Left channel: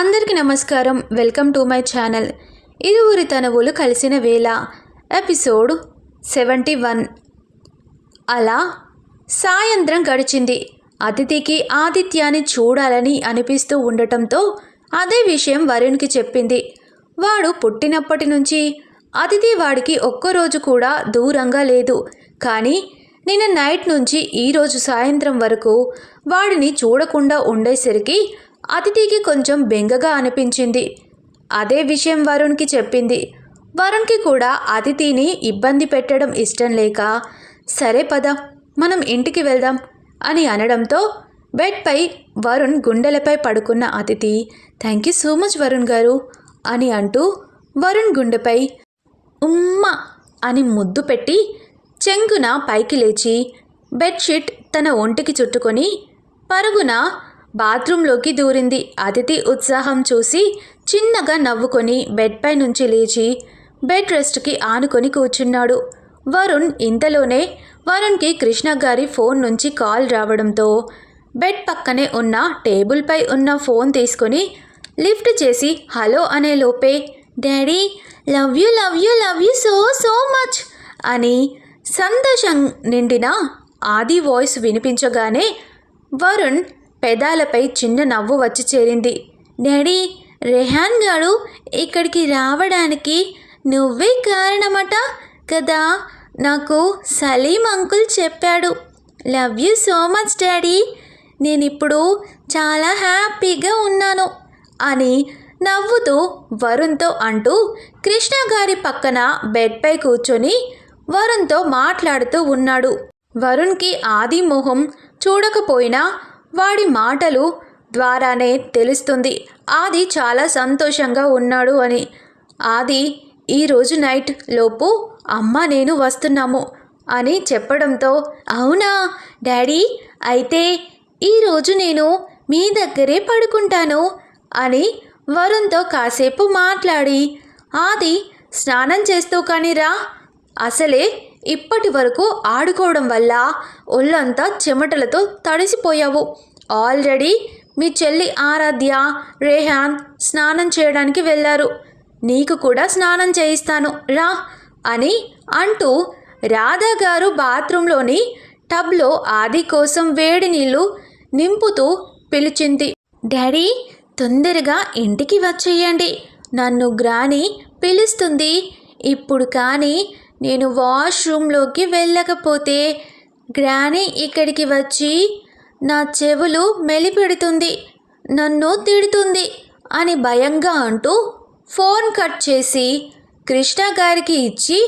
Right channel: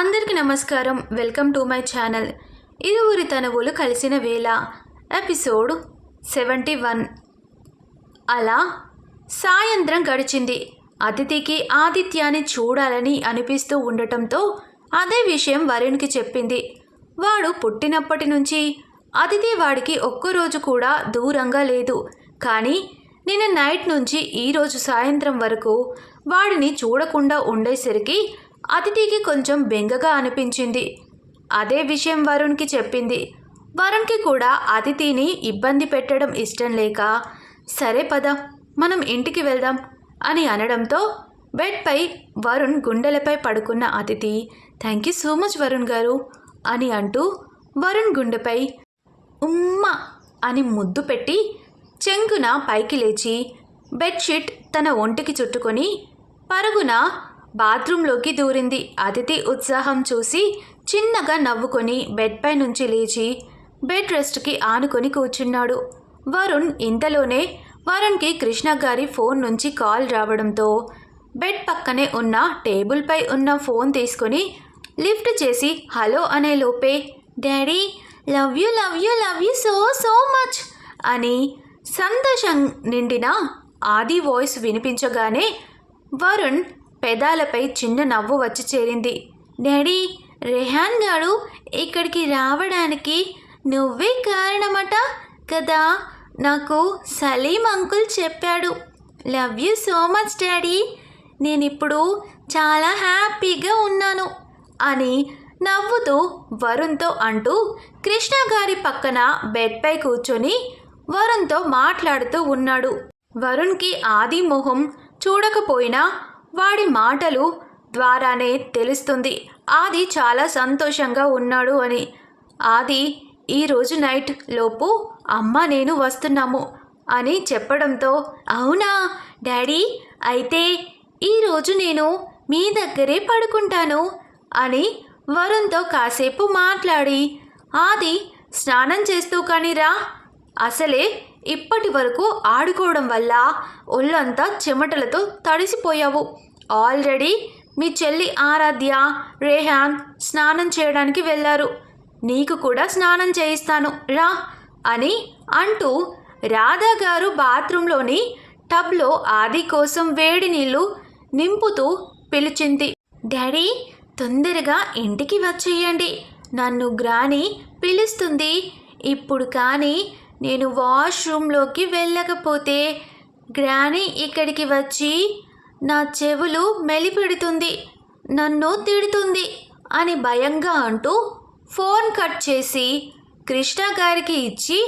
అందరికీ నమస్కారం. Welcome to my channel. ఇరువురి తనువులు కలిసిన వేళ ఎపిసోడ్ 71. అలా సాయంత్రం గడిచింది. అతిథికి ఆదిత్యాన్ని చూడాలని అనిపిస్తూ ఉండటంతో అదే విషయం వరుణ్కి చెప్పింది. వాడు పుట్టినప్పటి నుంచి అతిథి వాడికి ఒక్కరోజు కూడా దూరంగా లేదు. కానీ నిన్న నైట్ నుంచి ఈరోజు సాయంత్రం వరకు వాడిని చూడకుండా ఉండేసరికి అతిథికి కొంచెం బెంగగా అనిపించింది. అదే విషయం వరుణ్కి చెప్పింది. వరుణ్కి కూడా అతిథిని ఇబ్బంది పెట్టడం ఇష్టం లేక, సరే పద మనం ఇంటికి వెళ్దాం అని అనడంతో బెడ్పై వరుణ్ గుండెలపై పడుకున్న అతిథి thank you so much Varun గారు అని అంటూ వరుణ్ గుండెపై ఉమ్మ అని ముద్దు పెట్టి చెంగున పైకి లేచి బెడ్షీట్ తన ఒంటికి చుట్టుకొని పరుగున బాత్రూంలోకి దూరింది. అతిథి ఉత్సాహం చూసి చిన్నగా నవ్వుకొని బెడ్పై నుంచి లేచి బెడ్ రెస్ట్కి ఆనుకొని కూర్చున్నాడు. వరుణ్ ఇంతలోనే వరుణ్కి కృష్ణ గారి ఫోన్ నుంచి కాల్ రావడంతో బెడ్ పక్కనే ఉన్న టేబుల్పై ఉన్న ఫోన్ తీసుకొని లిఫ్ట్ చేసి హలో అనే లోపే daddy love you love you love you so so much అని సంతోషం నిండిన ఆది వాయిస్ వినిపించగానే వరుణ్ పెదాలపై చిన్న నవ్వు వచ్చి చేరింది. డాడీ, రెహాన్ గారు ఇక్కడికి రావడానికి నువ్వే కారణమట కదా, నాకు సలీం అంకుల్ చెప్పాడు. Love you so much daddy, నేనిప్పుడు చాలా హ్యాపీగా ఉన్నాను అని నవ్వుతూ వరుణ్తో అంటూ కృష్ణ గారి పక్కన బెడ్పై కూర్చొని వరుణ్తో మాట్లాడుతూ ఉన్నాడు. వరుణ్కి ఆది మొహం చూడకపోయినా వాడి మాటలు ద్వారానే తెలుస్తుంది ఆది చాలా సంతోషంగా ఉన్నాడు అని. ఆది ఈరోజు నైట్ లోపు అమ్మ నేను వస్తున్నాము అని చెప్పడంతో అవునా డాడీ, అయితే ఈరోజు నేను మీ దగ్గరే పడుకుంటాను అని వరుణ్తో కాసేపు మాట్లాడి ఆది స్నానం చేస్తూ కానీరా, అసలే ఇప్పటి వరకు ఆడుకోవడం వల్ల ఒళ్ళంతా చెమటలతో తడిసిపోయావు. ఆల్రెడీ మీ చెల్లి ఆరాధ్య, రేహాన్ స్నానం చేయడానికి వెళ్ళారు. నీకు కూడా స్నానం చేయిస్తాను రా అని అంటూ రాధా గారు బాత్రూంలోని టబ్లో ఆది కోసం వేడి నీళ్ళు నింపుతూ పిలిచింది. డాడీ, తొందరగా ఇంటికి వచ్చేయండి, నన్ను గ్రాని పిలుస్తుంది. ఇప్పుడు కానీ నేను వాష్రూమ్లోకి వెళ్ళకపోతే గ్రాని ఇక్కడికి వచ్చి నా చెవులు మెలిపెడుతుంది, నన్ను తిడుతుంది అని భయంగా అంటూ ఫోన్ కట్ చేసి కృష్ణ గారికి ఇచ్చి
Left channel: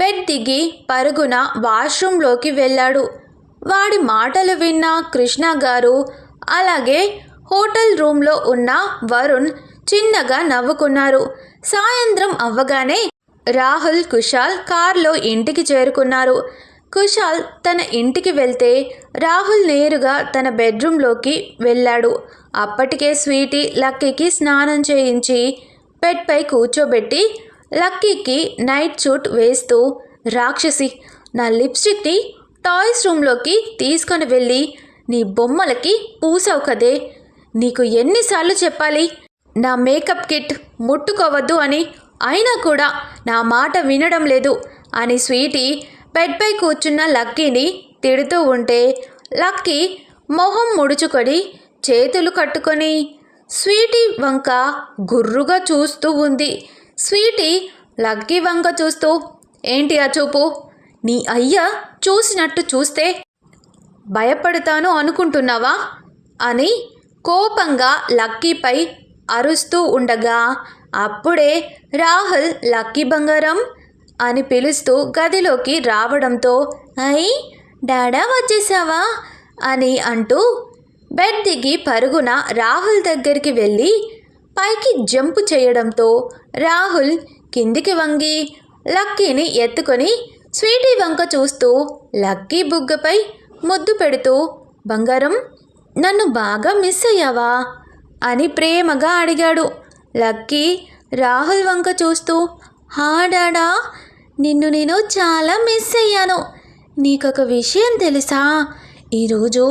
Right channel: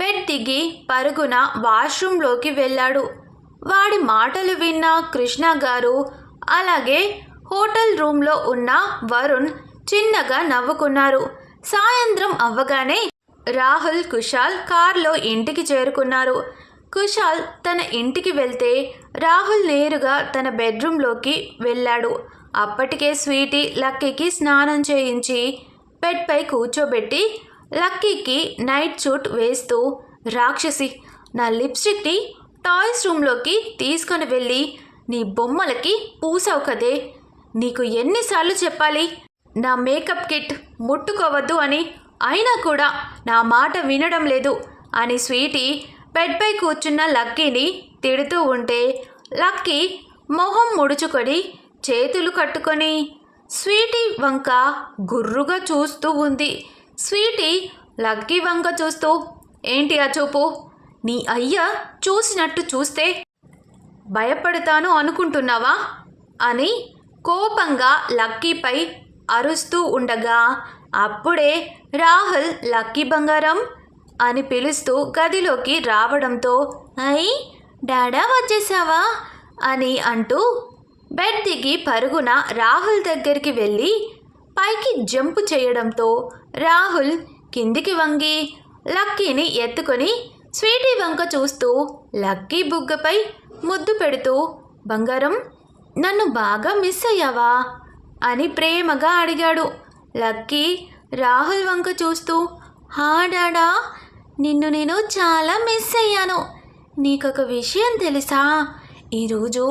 బెడ్ దిగి పరుగున వాష్రూమ్లోకి వెళ్ళాడు. వాడి మాటలు విన్న కృష్ణ గారు అలాగే హోటల్ రూమ్లో ఉన్న వరుణ్ చిన్నగా నవ్వుకున్నారు. సాయంత్రం అవ్వగానే రాహుల్, కుశాల్ కార్లో ఇంటికి చేరుకున్నారు. కుశాల్ తన ఇంటికి వెళ్తే రాహుల్ నేరుగా తన బెడ్రూమ్లోకి వెళ్ళాడు. అప్పటికే స్వీటీ లక్కీకి స్నానం చేయించి బెడ్పై కూర్చోబెట్టి లక్కీకి నైట్ సూట్ వేస్తూ రాక్షసి, నా లిప్స్టిక్ని టాయ్స్ రూమ్లోకి తీసుకొని వెళ్ళి నీ బొమ్మలకి పూసావు కదే, నీకు ఎన్నిసార్లు చెప్పాలి నా మేకప్ కిట్ ముట్టుకోవద్దు అని, అయినా కూడా నా మాట వినడం లేదు అని స్వీటీ బెడ్పై కూర్చున్న లక్కీని తిడుతూ ఉంటే లక్కీ మొహం ముడుచుకొని చేతులు కట్టుకొని స్వీటీ వంక గుర్రుగా చూస్తూ ఉంది. స్వీటీ లక్కీ వంక చూస్తూ ఏంటి ఆ చూపు, నీ అయ్య చూసినట్టు చూస్తే భయపడతాను అనుకుంటున్నావా అని కోపంగా లక్కీపై అరుస్తూ ఉండగా అప్పుడే రాహుల్ లక్కీ బంగారం అని పిలుస్తూ గదిలోకి రావడంతో అయ్ డాడా వచ్చేసావా అని అంటూ బెడ్ దిగి పరుగున రాహుల్ దగ్గరికి వెళ్ళి పైకి జంప్ చేయడంతో రాహుల్ కిందికి వంగి లక్కీని ఎత్తుకొని స్వీటీ వంక చూస్తూ లక్కీ బుగ్గపై ముద్దు పెడుతూ బంగారం నన్ను బాగా మిస్ అయ్యావా అని ప్రేమగా అడిగాడు. లక్కీ రాహుల్ వంక చూస్తూ హా డాడా, నిన్ను నేను చాలా మిస్ అయ్యాను. నీకొక విషయం తెలుసా, ఈరోజు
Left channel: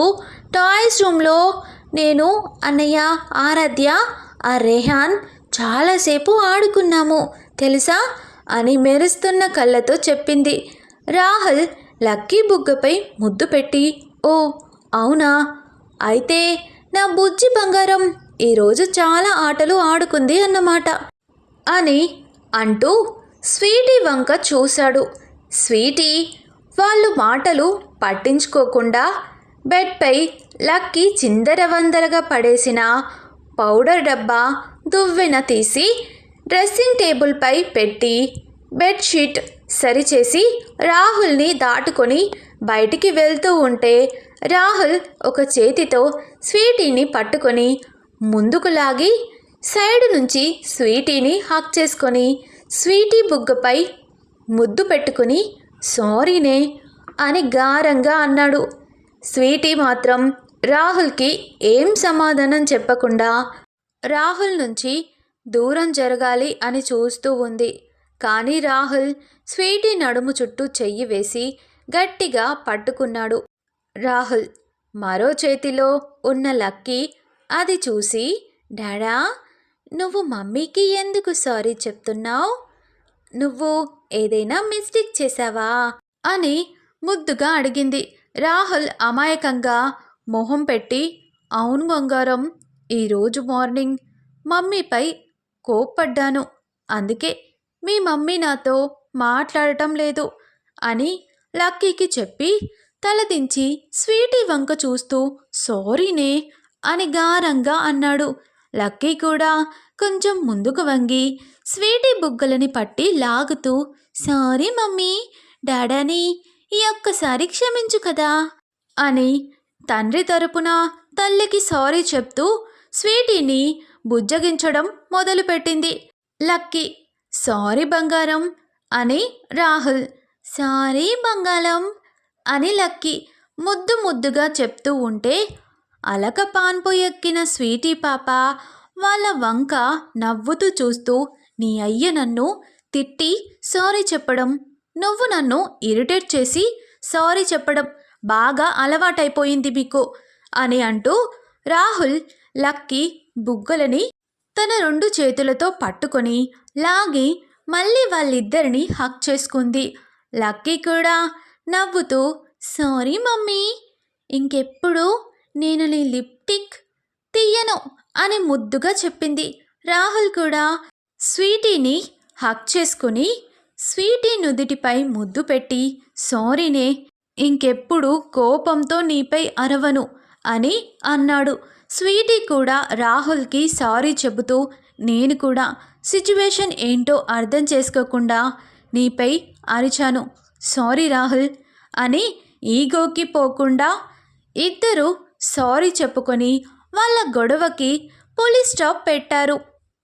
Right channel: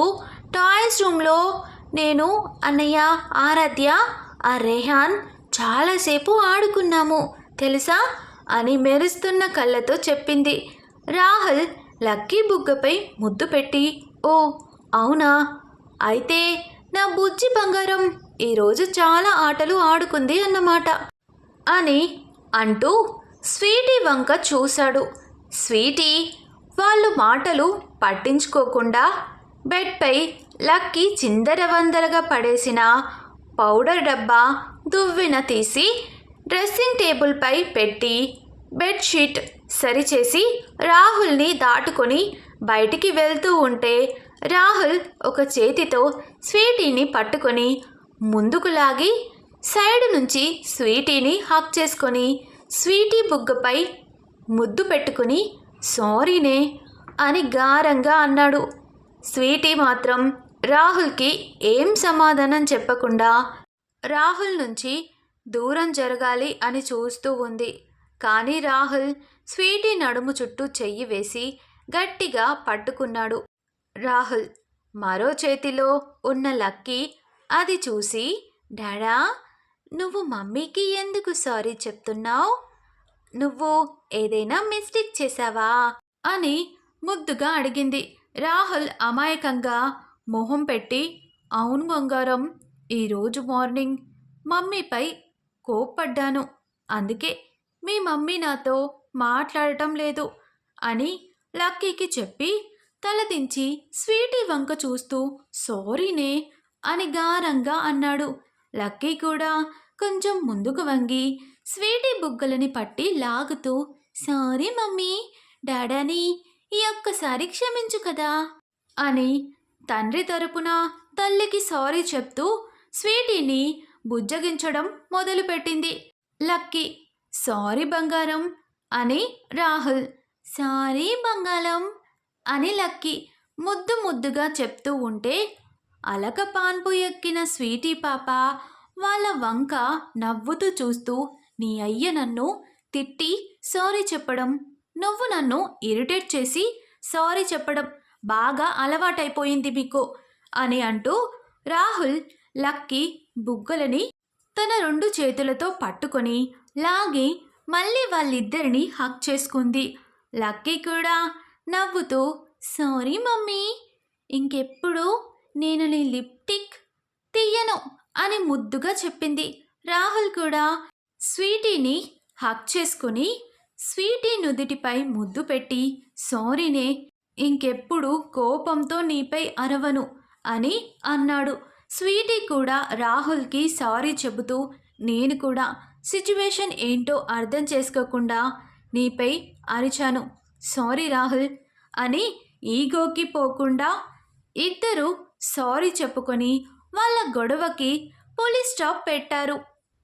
టాయ్స్ రూమ్లో నేను, అన్నయ్య, ఆరాధ్య ఆ రేహాన్ చాలాసేపు ఆడుకున్నాము తెలుసా అని మెరుస్తున్న కళ్ళతో చెప్పింది. రాహుల్ లక్కీ బుగ్గపై ముద్దు పెట్టి, ఓ అవునా, అయితే నా బుజ్జి బంగారం ఈరోజు చాలా ఆటలు ఆడుకుంది అన్నమాట అని అంటూ స్వీటీ వంక చూశాడు. స్వీటీ వాళ్ళు మాటలు పట్టించుకోకుండా బెడ్పై లక్కీ చిందరవందరగా పడేసిన పౌడర్ డబ్బా దువ్వెన తీసి డ్రెస్సింగ్ టేబుల్పై పెట్టి బెడ్షీట్ సరిచేసి రాహుల్ని దాటుకొని బయటికి వెళ్తూ ఉంటే రాహుల్ ఒక చేతితో స్వీటీని పట్టుకొని ముందుకు లాగి సైడ్ నుంచి స్వీటీని హక్ చేసుకొని స్వీటీ బుగ్గపై ముద్దు పెట్టుకుని సారీనే అని గారంగా అన్నాడు. స్వీటీ మాత్రం రాహుల్కి ఏం సమాధానం చెప్పకుండా రాహుల్ నుంచి దూరం జరగాలి అని చూస్తూ ఉంది. కానీ రాహుల్ స్వీటీ నడుము చుట్టూ చెయ్యి వేసి గట్టిగా పట్టుకున్నాడు. రాహుల్ మరో చేతిలో ఉన్న లక్కీ అది చూసి, డాడా నువ్వు మమ్మీకి ఎందుకు సారీ చెప్తున్నావు? నువ్వు ఏదైనా మిస్టేక్ చేశావా అని ముద్దుగా అడిగింది. రాహుల్ అమాయకంగా మొహం పెట్టి, అవును బంగారం, ఈరోజు మార్నింగ్ మమ్మీపై కోప్పడ్డాను, అందుకే మీ మమ్మీ నాతో మాట్లాడటం లేదు అని లక్కీకి చెప్పి తలదించి స్వీటీ వంక చూస్తూ సారీనే అని గారంగా అన్నాడు. లక్కీ కూడా కొంచెం ముందుకు వంగి స్వీటీ బుగ్గలని పట్టి లాగుతూ, సారీ మమ్మీ, డాడాని ఈ ఒక్కసారి క్షమించు కదా అని తండ్రి తరపున తల్లికి సారీ చెప్తూ స్వీటీని బుజ్జగించడం మొదలుపెట్టింది. లక్కీ సారీ బంగారం అని రాహుల్ సారీ బంగాళం అని లక్కీ ముద్దు ముద్దుగా చెప్తూ ఉంటే అలక పాన్పు ఎక్కిన స్వీటీ పాప వాళ్ళ వంక నవ్వుతూ చూస్తూ, నీ అయ్య నన్ను తిట్టి సారీ చెప్పడం, నువ్వు నన్ను ఇరిటేట్ చేసి సారీ చెప్పడం బాగా అలవాటైపోయింది మీకు అని అంటూ రాహుల్ లక్కీ బుగ్గలని తన 2 చేతులతో పట్టుకొని లాగి మళ్ళీ వాళ్ళిద్దరిని హక్ చేసుకుంది. లక్కీ కూడా నవ్వుతూ సారీ మమ్మీ, ఇంకెప్పుడు నేను నీ లిప్టిక్ తీయను అని ముద్దుగా చెప్పింది. రాహుల్ కూడా స్వీటీని హక్ చేసుకుని స్వీటీ నుదిటిపై ముద్దు పెట్టి సారీనే, ఇంకెప్పుడు కోపంతో నీపై అరవను అని అన్నాడు. స్వీటీ కూడా రాహుల్కి సారీ చెబుతూ, నేను కూడా సిచ్యువేషన్ ఏంటో అర్థం చేసుకోకుండా నీపై అరిచాను, సారీ రాహుల్ అని ఈగోకి పోకుండా ఇద్దరు సారీ చెప్పుకొని వాళ్ళ గొడవకి పోలీస్ స్టాప్ పెట్టారు.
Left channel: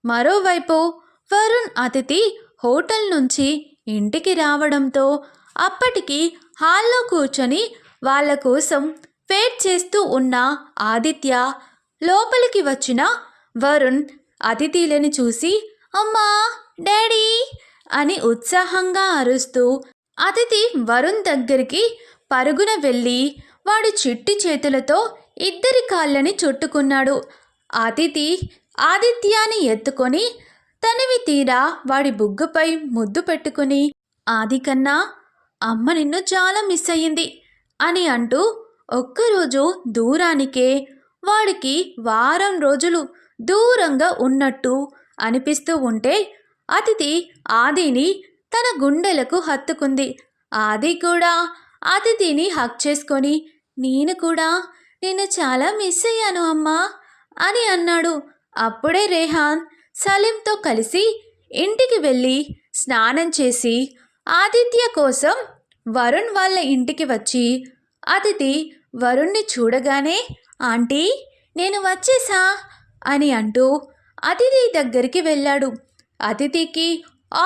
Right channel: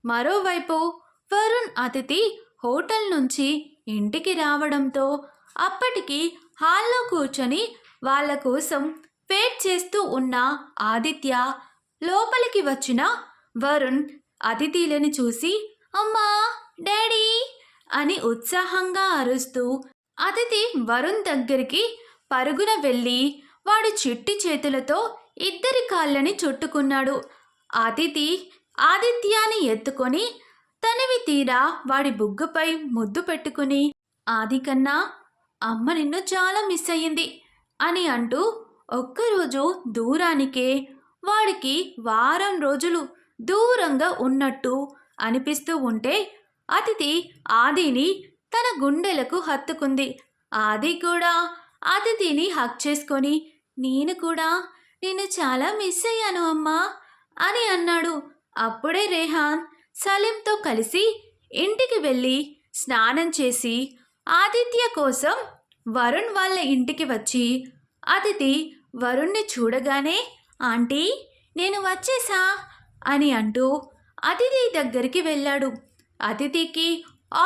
మరోవైపు వరుణ్ అతిథి హోటల్ నుంచి ఇంటికి రావడంతో అప్పటికి హాల్లో కూర్చొని వాళ్ళ కోసం వెయిట్ చేస్తూ ఉన్న ఆదిత్య లోపలికి వచ్చిన వరుణ్ అతిథిలని చూసి అమ్మా, డాడీ అని ఉత్సాహంగా అరుస్తూ అతిథి వరుణ్ దగ్గరికి పరుగున వెళ్ళి వాడి చిట్టి చేతులతో ఇద్దరి కాళ్ళని చుట్టుకున్నాడు. అతిథి ఆదిత్యాని ఎత్తుకొని తనివి తీరా వాడి బుగ్గపై ముద్దు పెట్టుకుని, ఆదికన్నా అమ్మ నిన్ను చాలా మిస్ అయ్యింది అని అంటూ ఒక్కరోజు దూరానికే వాడికి వారం రోజులు దూరంగా ఉన్నట్టు అనిపిస్తూ ఉంటే అతిథి ఆదిని తన గుండెలకు హత్తుకుంది. ఆది కూడా అతిథిని హక్ చేసుకొని, నేను కూడా నిన్ను చాలా మిస్ అయ్యాను అమ్మా అని అన్నాడు. అప్పుడే రేహాన్ సలీంతో కలిసి ఇంటికి వెళ్ళి స్నానం చేసి ఆదిత్య కోసం వరుణ్ వాళ్ళ ఇంటికి వచ్చి అతిథి వరుణ్ణి చూడగానే, ఆంటీ నేను వచ్చేసా అని అంటూ అతిథి దగ్గరికి వెళ్ళాడు. అతిథికి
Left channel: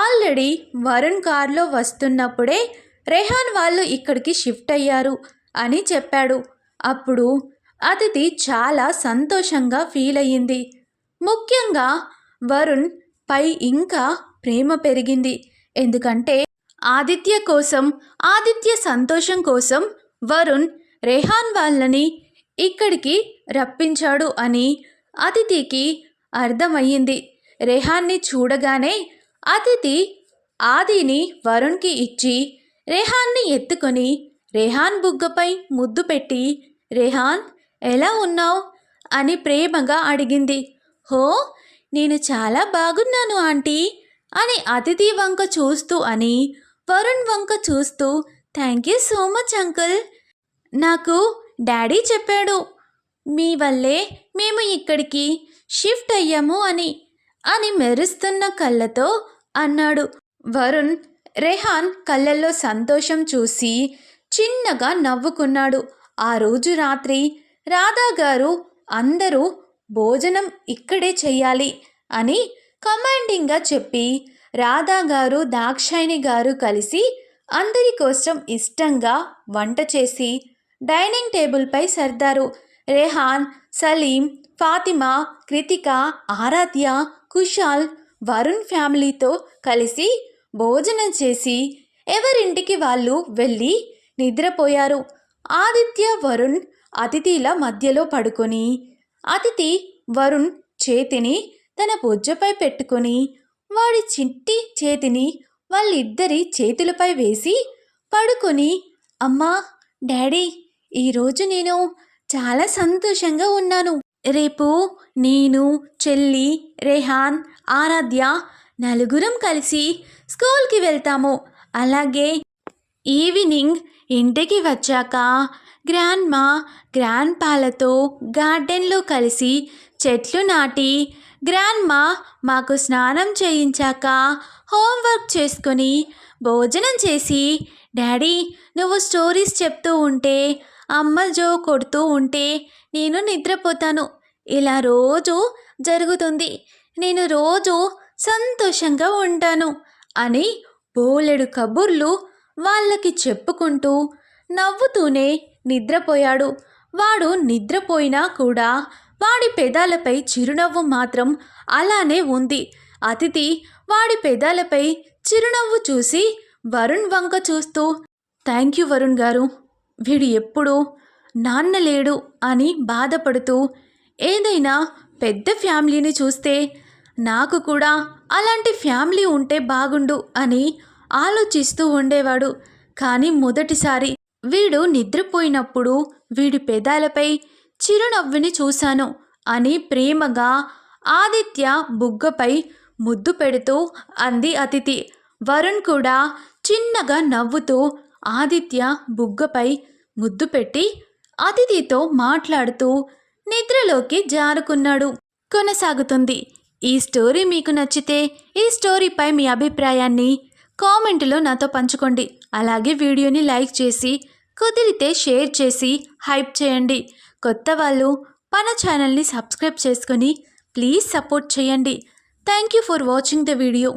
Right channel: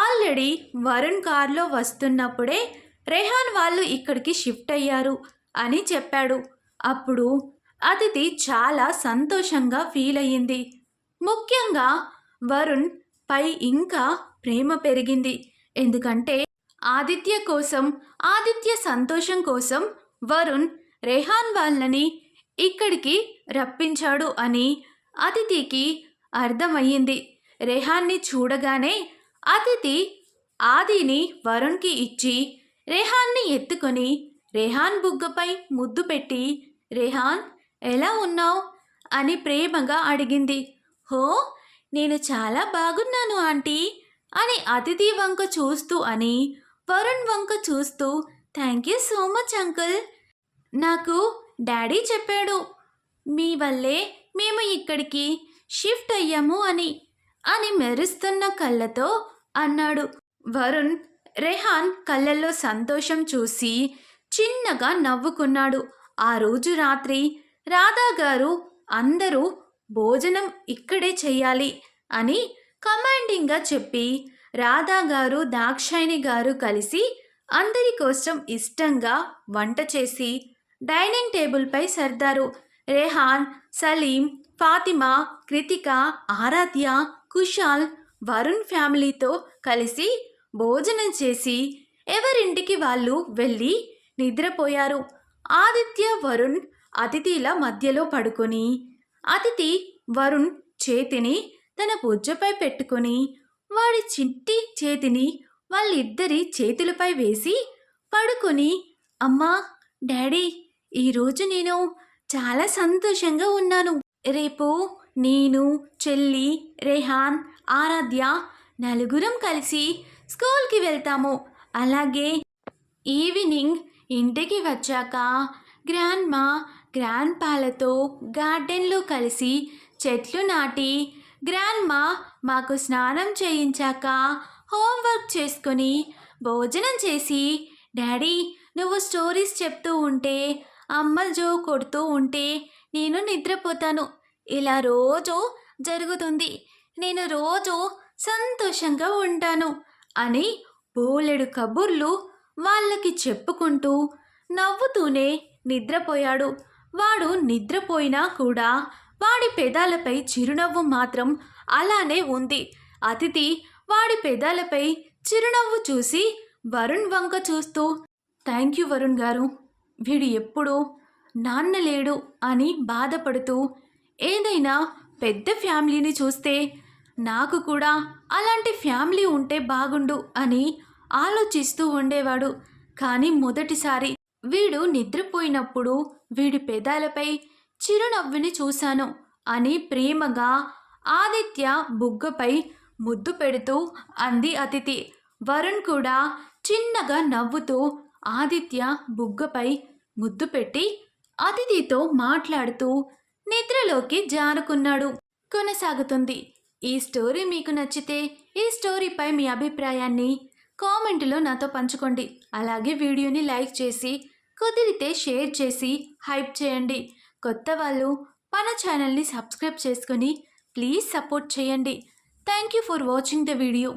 ఆల్రెడీ వరుణ్ కార్లో వస్తున్నప్పుడే రెహాన్ వాళ్ళు ఇక్కడికి షిఫ్ట్ అయ్యారు అని చెప్పాడు. అప్పుడు అతిథి చాలా సంతోషంగా ఫీల్ అయ్యింది. ముఖ్యంగా వరుణ్ పై ఇంకా ప్రేమ పెరిగింది. ఎందుకంటే ఆదిత్య కోసం, ఆదిత్య సంతోషం కోసం వరుణ్ రెహాన్ వాళ్ళని ఇక్కడికి రప్పించాడు అని అతిథికి అర్థమయ్యింది. రెహాన్ని చూడగానే అతిథి ఆదిని వరుణ్కి ఇచ్చి రెహాన్ని ఎత్తుకొని రెహాన్ బుగ్గపై ముద్దు పెట్టి, రెహాన్ ఎలా ఉన్నావు అని ప్రేమగా అడిగింది. హో, నేను చాలా బాగున్నాను ఆంటీ అని అతిథి వంక చూస్తూ అని వరుణ్ వంక చూస్తూ, thank you so much uncle. నాకు డాడీ చెప్పాడు మీ వల్లే మేము ఇక్కడికి షిఫ్ట్ అయ్యాము అని మెరుస్తున్న కళ్ళతో అన్నాడు. వరుణ్ రెహాన్ కళ్ళల్లో సంతోషం చూసి చిన్నగా నవ్వుకున్నాడు. ఆ రోజు రాత్రి రాధా గారు అందరూ భోజనం ఇక్కడే చెయ్యాలి అని కమాండింగ్గా చెప్పి రాధా గారు దాక్షాయిని గారు కలిసి అందరి కోసం ఇష్టంగా వంట చేసి డైనింగ్ టేబుల్పై సర్దారు. రెహాన్, సలీం, ఫాతిమా, కృతిక, ఆరాధ్య, కుషాల్ వరుణ్ ఫ్యామిలీతో కలిసి భోజనం చేసి ఎవరింటికి వాళ్ళు వెళ్ళి నిద్రపోయారు. ఆదిత్య వరుణ్ అతిథిల మధ్యలో పడుకొని అతిథి వరుణ్ చేతిని తన బొజ్జపై పెట్టుకొని వాడి చిట్టి చేతిని వాళ్ళిద్దరి చేతులపై వేసి పడుకొని, అమ్మా, డాడీ, ఈరోజు నేను చాలా సంతోషంగా ఉన్నాను. రేపు నేను, చెల్లి, రెహాన్, ఆరాధ్య నలుగురం కలిసి స్కూల్కి వెళ్తాము. అలాగే ఈవినింగ్ ఇంటికి వచ్చాక గ్రాండ్మా గ్రాండ్పాలతో గార్డెన్లో కలిసి చెట్లు నాటి, గ్రాండ్మా మాకు స్నానం చేయించాక హోంవర్క్ చేసుకొని భోజనం చేసి, డాడీ నువ్వు స్టోరీస్ చెప్తూ ఉంటే, అమ్మ జో కొడుతూ ఉంటే నేను నిద్రపోతాను. ఇలా రోజు జరుగుతుంది. నేను రోజు సంతోషంగా ఉంటాను అని బోలెడు కబుర్లు వాళ్ళకి చెప్పుకుంటూ నవ్వుతూనే నిద్రపోయాడు. వాడు నిద్రపోయినా కూడా వాడి పెదాలపై చిరునవ్వు మాత్రం అలానే ఉంది. అతిథి వాడి పెదాలపై చిరునవ్వు చూసి వరుణ్ వంక చూస్తూ, థ్యాంక్ యూ వరుణ్ గారు, వీడు ఎప్పుడూ నాన్న లేడు అని బాధపడుతూ, ఏదైనా పెద్ద ఫ్యామిలీని చూస్తే నాకు కూడా అలాంటి ఫ్యామిలీ ఉంటే బాగుండు అని ఆలోచిస్తూ ఉండేవాడు. కానీ మొదటిసారి వీడు నిద్రపోయినప్పుడు వీడి పెదాలపై చిరునవ్వుని చూశాను అని ప్రేమగా ఆదిత్య బుగ్గపై ముద్దు పెడుతూ అంది అతిథి. వరుణ్ కూడా చిన్నగా నవ్వుతూ ఆదిత్య బుగ్గపై ముద్దు పెట్టి అతిథితో మాట్లాడుతూ నిద్రలోకి జారుకున్నాడు. కొనసాగుతుంది. ఈ స్టోరీ మీకు నచ్చితే ఈ స్టోరీపై మీ అభిప్రాయాన్ని కామెంట్లో నాతో పంచుకోండి. అలాగే వీడియోని లైక్ చేసి కుదిరితే షేర్ చేసి హైప్ చేయండి. కొత్త వాళ్ళు మన ఛానల్ని సబ్స్క్రైబ్ చేసుకొని ప్లీజ్ సపోర్ట్ చేయండి. Thank you for watching the video.